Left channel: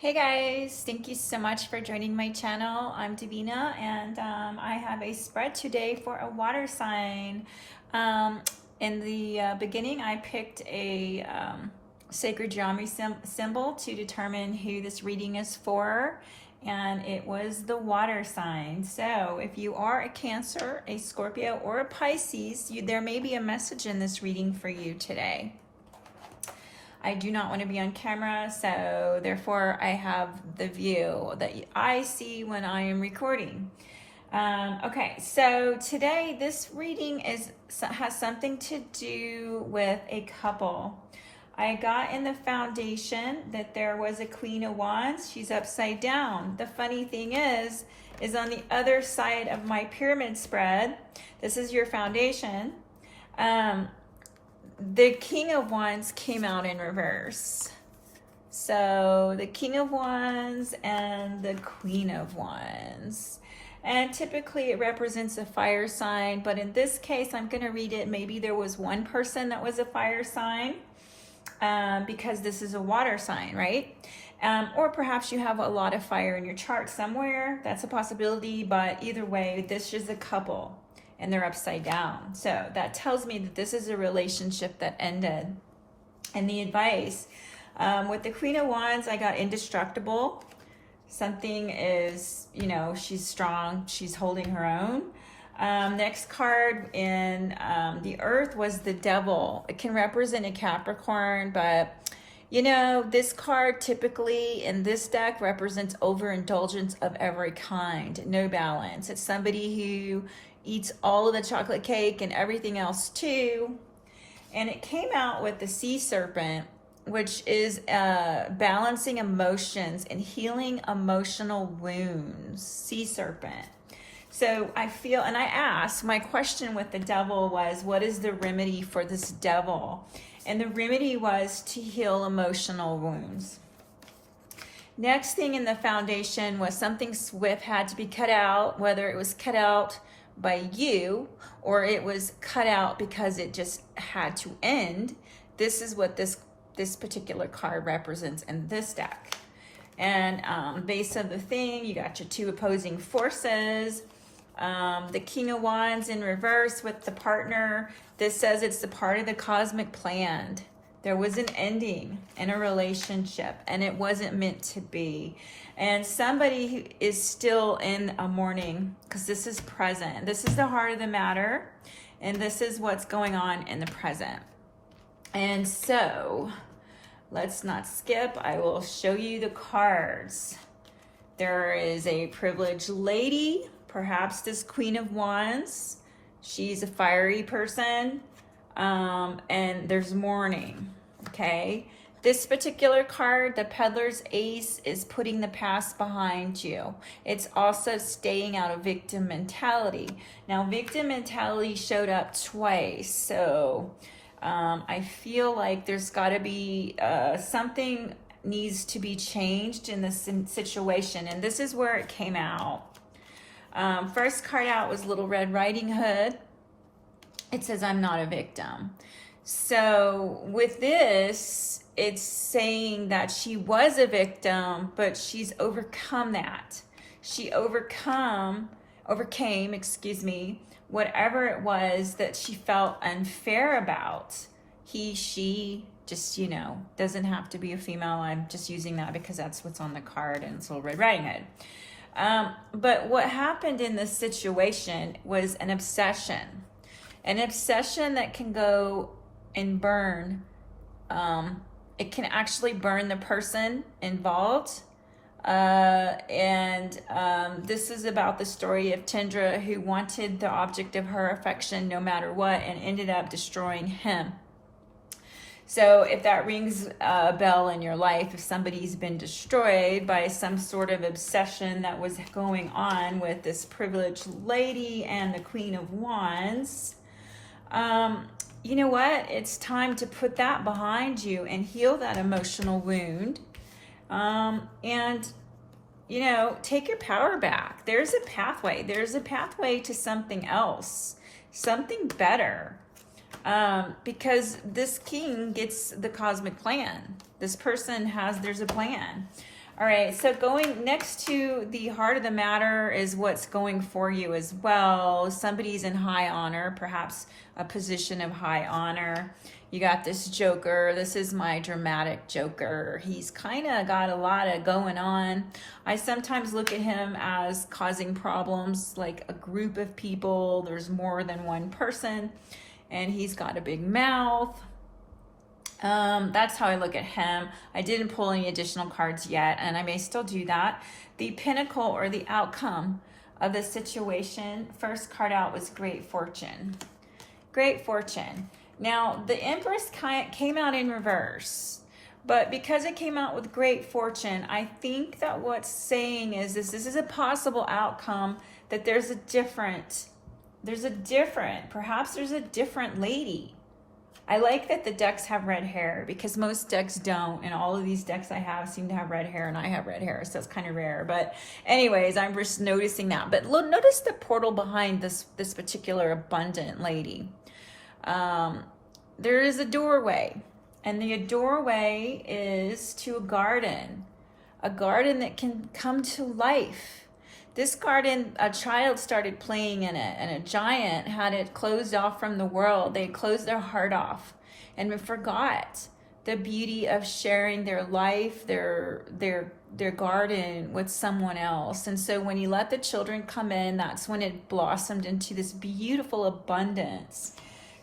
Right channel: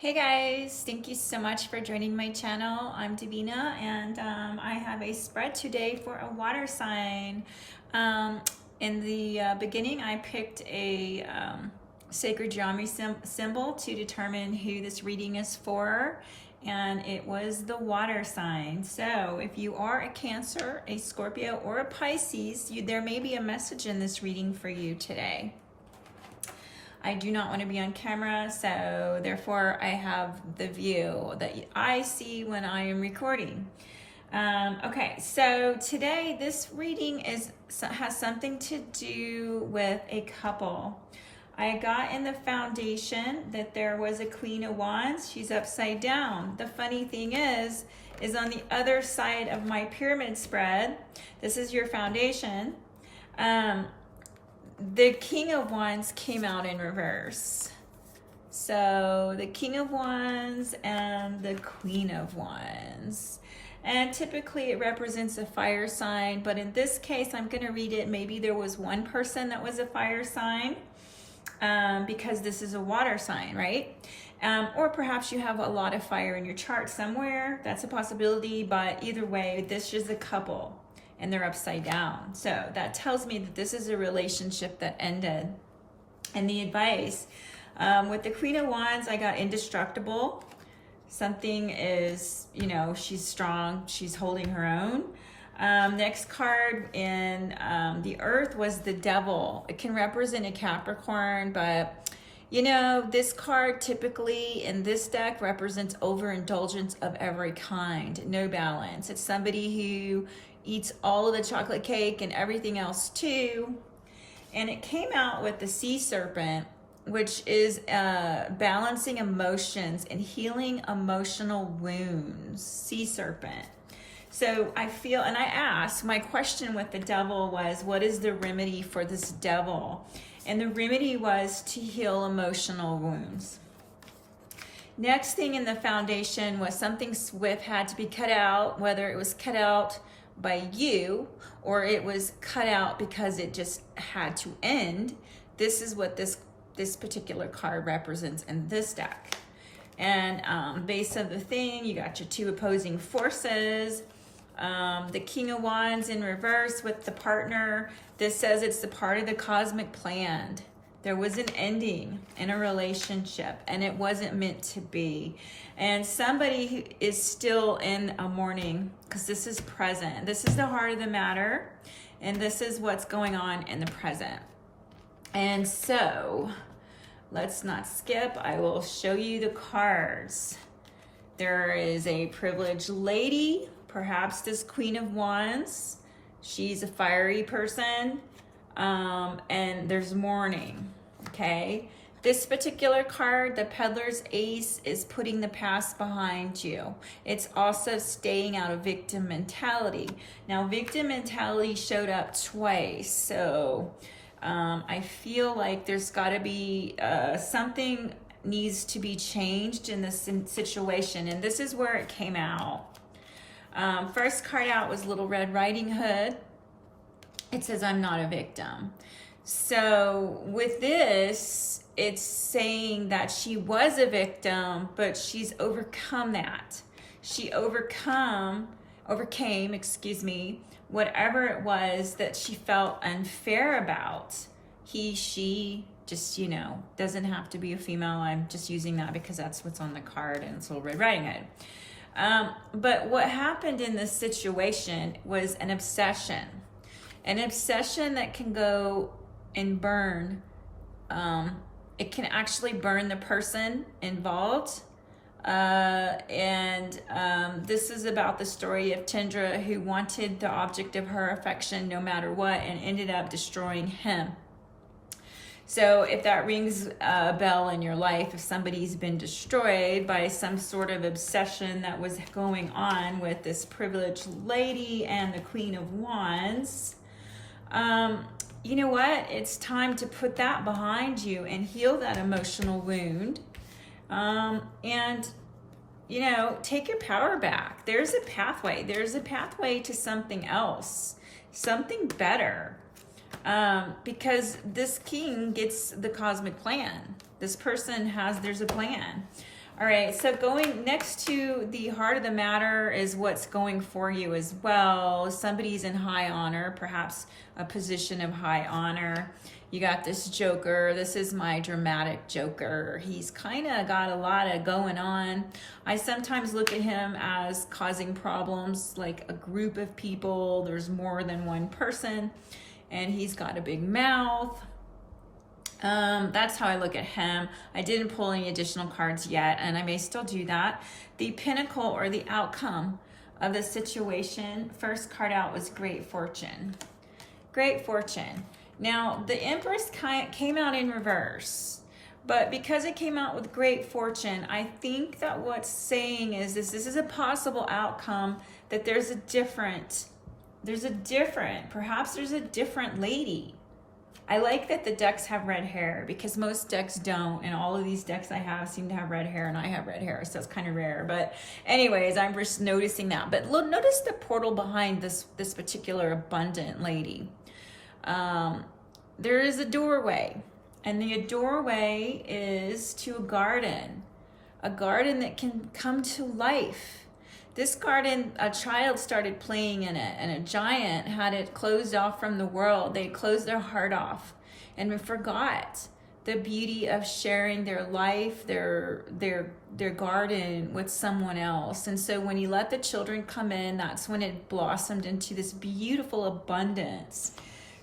Hey guys, thank you so much for joining my channel. I'm Devina and I have a spread today for a water sign. In the beginning, I picked a sacred geometry symbol to determine who this reading is for, and it was the water sign. So if you are a Cancer, a Scorpio, or a Pisces, there may be a message in this reading for you today. I do not want to be on camera, so therefore I have the view that I see when I am recording. Okay, so today this reading has something to do with a couple. I got in the foundation that there was a Queen of Wands. She's upside down. The funny thing is on the other side of my pyramid spread, this is your foundation, the King of Wands came out in reverse. So the King of Wands and the Queen of Wands. And typically it represents a fire sign, but in this case, I'm going to read it. Maybe there was one person that was a fire sign because this is a water sign, right? Or perhaps you have a lot of fire in your chart somewhere. That's a possibility, but either way, this is a couple. And they're upside down. So that tells me that this is a relationship that ended. And the advice, with the Queen of Wands, I got indestructible. Something is, she's strong, she's holding her own. Next card in the Earth was the Devil. It can represent a Capricorn, but this card typically in this deck represents overindulgence of every kind, no balance. It's somebody who eats all of the chocolate cake and everything else too. And it came out with the sea serpent, which is balancing emotions and healing emotional wounds. Sea serpent. So I feel, and I asked, my question with the devil was, what is the remedy for this devil? And the remedy was to heal emotional wounds. Next thing in the foundation was something swift had to be cut out, whether it was cut out by you or it was cut out because it just had to end. This is what this particular card represents in this deck. And base of the thing, you got your two opposing forces. The King of Wands in reverse with the partner. This says it's the part of the cosmic plan. There was an ending in a relationship and it wasn't meant to be. And somebody who is still in a mourning, because this is present. This is the heart of the matter, and this is what's going on in the present. And so, let's not skip. I will show you the cards. There is a privileged lady, perhaps this Queen of Wands. She's a fiery person, and there's mourning, okay? This particular card, the Peddler's Ace, is putting the past behind you. It's also staying out of victim mentality. Now, victim mentality showed up twice, so I feel like there's got to be something needs to be changed in this situation, and this is where it came out. First card out was Little Red Riding Hood. It says, I'm not a victim. So with this, it's saying that she was a victim, but she's overcome that. She overcame, whatever it was that she felt unfair about. He, she, just, doesn't have to be a female. I'm just using that because that's what's on the card and it's Little Red Riding Hood. But what happened in this situation was an obsession. An obsession that can go and burn. It can actually burn the person involved. This is about the story of Tindra, who wanted the object of her affection no matter what and ended up destroying him. So if that rings a bell in your life, if somebody's been destroyed by some sort of obsession that was going on with this privileged lady and the Queen of Wands, you know what? It's time to put that behind you and heal that emotional wound. Take your power back. There's a pathway. There's a pathway to something else, something better. Because this king gets the cosmic plan. This person there's a plan. All right, so going next to the heart of the matter is what's going for you as well. Somebody's in high honor, perhaps a position of high honor. You got this Joker. This is my dramatic Joker. He's kind of got a lot of going on. I sometimes look at him as causing problems, like a group of people. There's more than one person, and he's got a big mouth. That's how I look at him. I didn't pull any additional cards yet, and I may still do that. The pinnacle or the outcome of the situation, first card out was Great Fortune. Great Fortune. Now, the Empress came out in reverse, but because it came out with Great Fortune, I think that what's saying is this is a possible outcome, that perhaps there's a different lady. I like that the decks have red hair, because most decks don't, and all of these decks I have seem to have red hair, and I have red hair, so it's kind of rare. But anyways, I'm just noticing that. But look, notice the portal behind this particular abundant lady. There is a doorway, and the doorway is to a garden that can come to life. This garden, a child started playing in it, and a giant had it closed off from the world. They closed their heart off and forgot the beauty of sharing their life, their garden with someone else. And so when you let the children come in, that's when it blossomed into this beautiful abundance.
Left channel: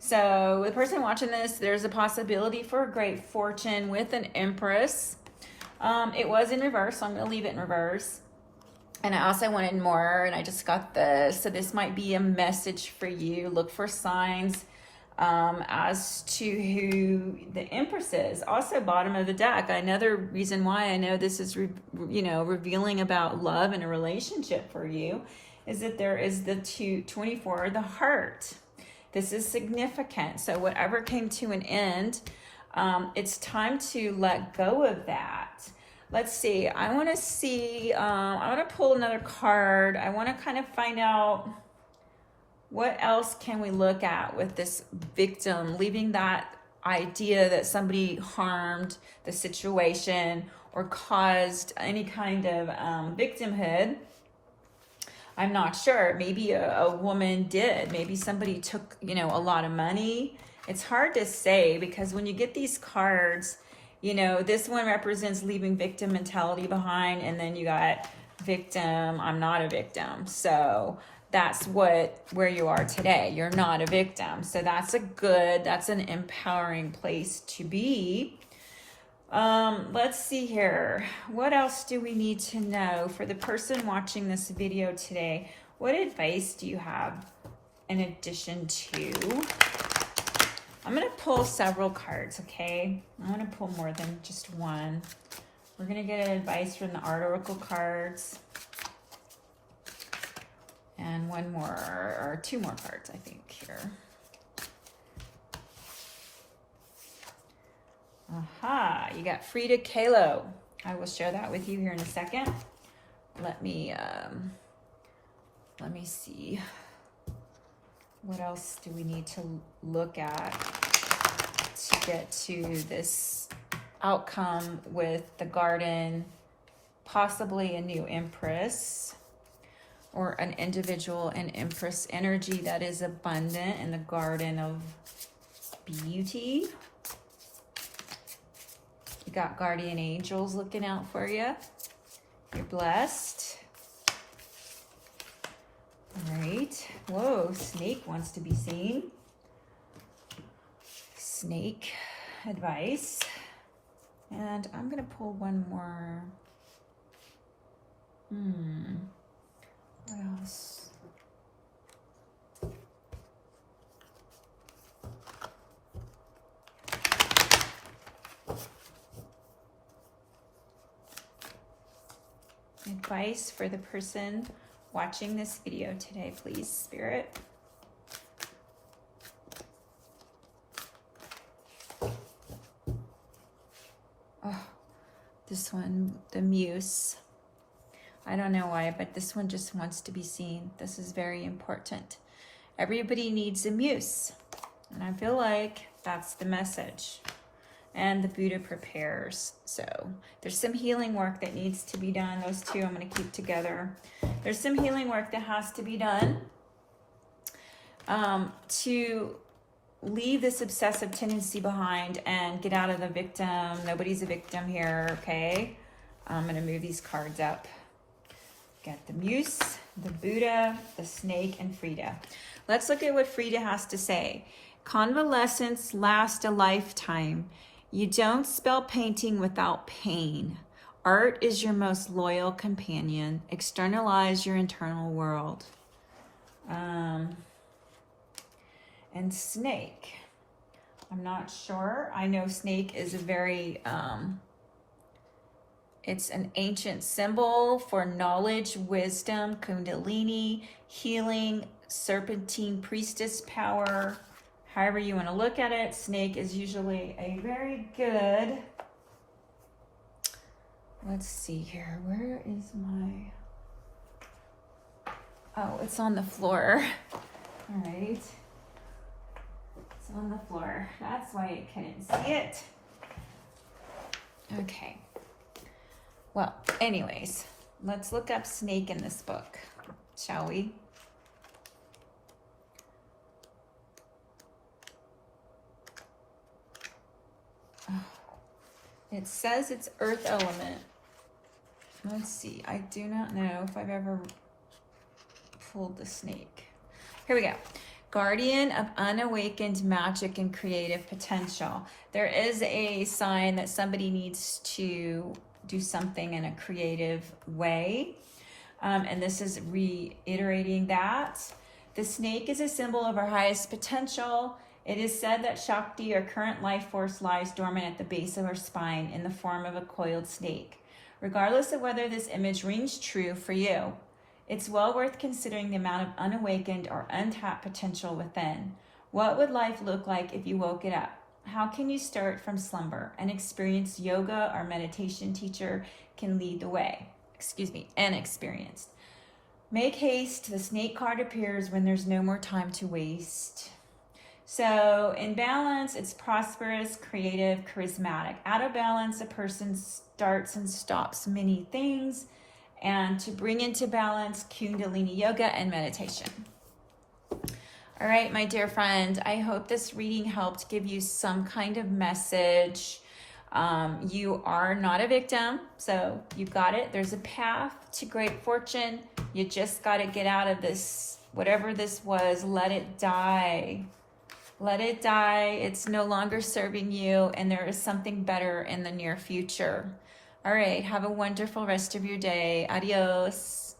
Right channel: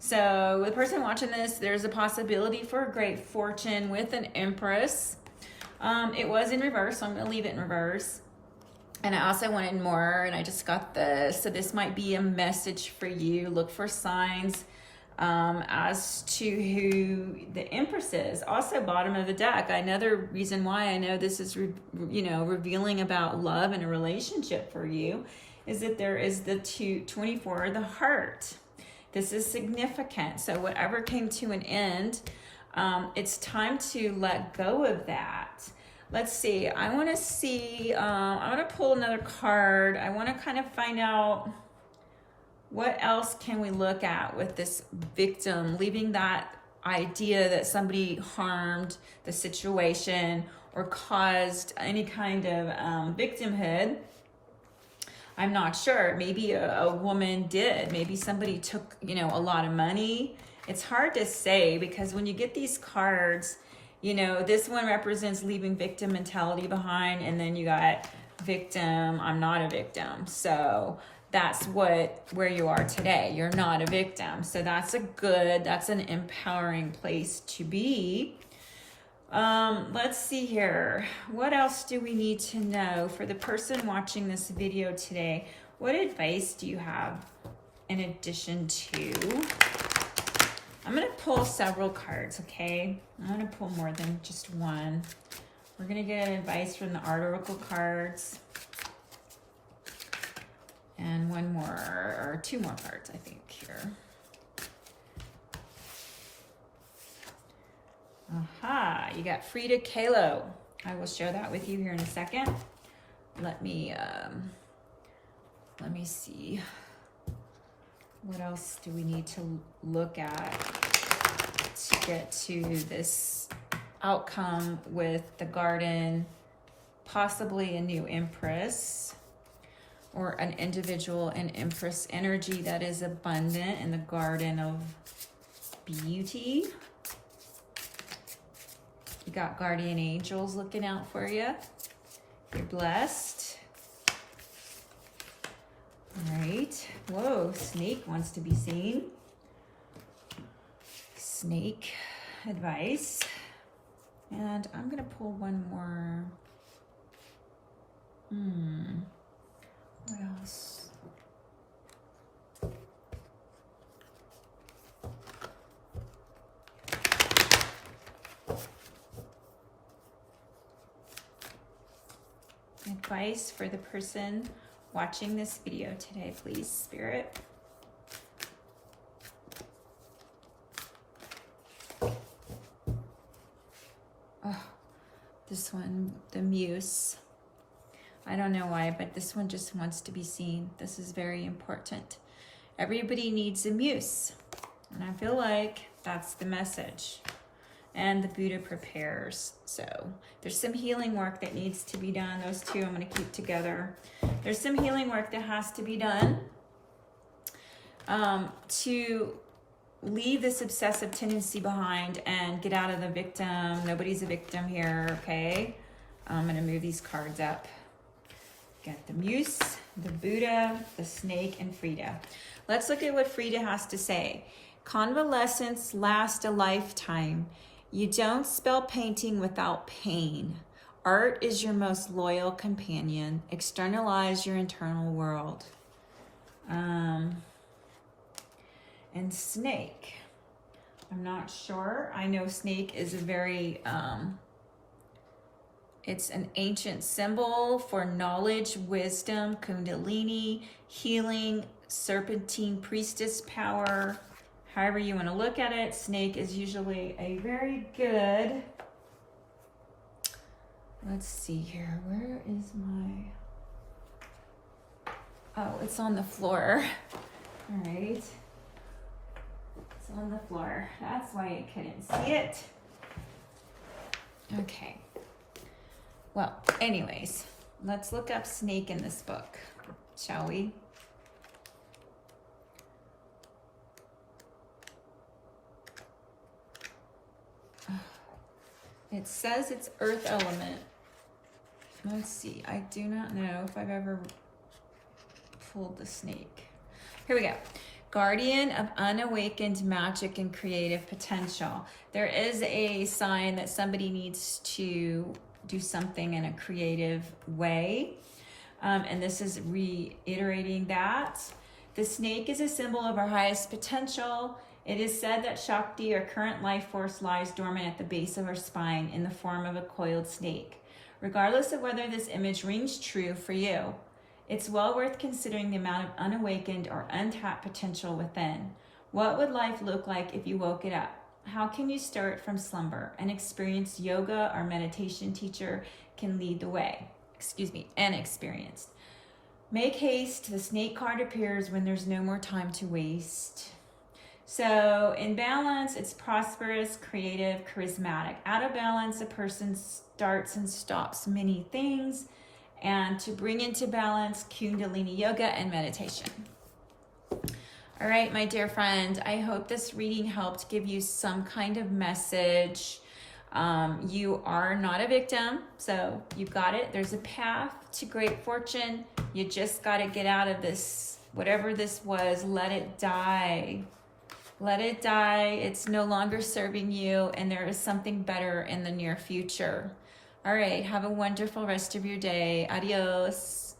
So the person watching this, there's a possibility for a great fortune with an Empress. It was in reverse, so I'm going to leave it in reverse. And I also wanted more, and I just got this. So this might be a message for you. Look for signs as to who the Empress is. Also, bottom of the deck. Another reason why I know this is, revealing about love in a relationship for you is that there is the 24, the heart. This is significant. So whatever came to an end, it's time to let go of that. Let's see. I want to pull another card. I want to kind of find out what else can we look at with this victim, leaving that idea that somebody harmed the situation or caused any kind of victimhood. I'm not sure. Maybe a woman did. Maybe somebody took, a lot of money. It's hard to say, because when you get these cards, this one represents leaving victim mentality behind, and then you got victim, I'm not a victim. So that's where you are today. You're not a victim. So that's an empowering place to be. Let's see here. What else do we need to know for the person watching this video today? What advice do you have in addition to? I'm going to pull several cards, okay? I'm going to pull more than just one. We're going to get advice from the Art Oracle cards. And one more, or two more cards, I think, here. Aha, you got Frida Kahlo. I will share that with you here in a second. Let me see. What else do we need to look at to get to this outcome with the garden, possibly a new Empress or an individual in Empress energy that is abundant in the garden of beauty? You got guardian angels looking out for you. You're blessed. All right. Whoa, snake wants to be seen. Snake advice. And I'm going to pull one more. What else? Advice for the person watching this video today, please, Spirit. Oh, this one, the Muse. I don't know why, but this one just wants to be seen. This is very important. Everybody needs a Muse. And I feel like that's the message. and the Buddha prepares. So there's some healing work that needs to be done. Those two I'm going to keep together. There's some healing work that has to be done to leave this obsessive tendency behind and get out of the victim. Nobody's a victim here, okay? I'm going to move these cards up. Got the Muse, the Buddha, the Snake, and Frida. Let's look at what Frida has to say. Convalescence lasts a lifetime. You don't spell painting without pain. Art is your most loyal companion. Externalize your internal world. And Snake. I'm not sure. I know Snake is a very, it's an ancient symbol for knowledge, wisdom, kundalini, healing, serpentine priestess power. However you want to look at it, Snake is usually a very good, let's see here, where is my, oh, it's on the floor. All right. It's on the floor. That's why you couldn't see it. Okay. Well, anyways, let's look up Snake in this book, shall we? It says it's earth element. Let's see. I do not know if I've ever pulled the Snake. Here we go. Guardian of unawakened magic and creative potential. There is a sign that somebody needs to do something in a creative way. And this is reiterating that. The Snake is a symbol of our highest potential. It is said that Shakti, our current life force, lies dormant at the base of our spine in the form of a coiled snake. Regardless of whether this image rings true for you, it's well worth considering the amount of unawakened or untapped potential within. What would life look like if you woke it up? How can you start from slumber? An experienced yoga or meditation teacher can lead the way. Inexperienced. Make haste. The Snake card appears when there's no more time to waste. So in balance, it's prosperous, creative, charismatic. Out of balance, a person starts and stops many things. And to bring into balance, Kundalini Yoga and meditation. All right, my dear friend, I hope this reading helped give you some kind of message. You are not a victim, so you got it. There's a path to great fortune. You just got to get out of this, whatever this was, let it die. Let it die. It's no longer serving you, and there is something better in the near future. All right, have a wonderful rest of your day. Adios.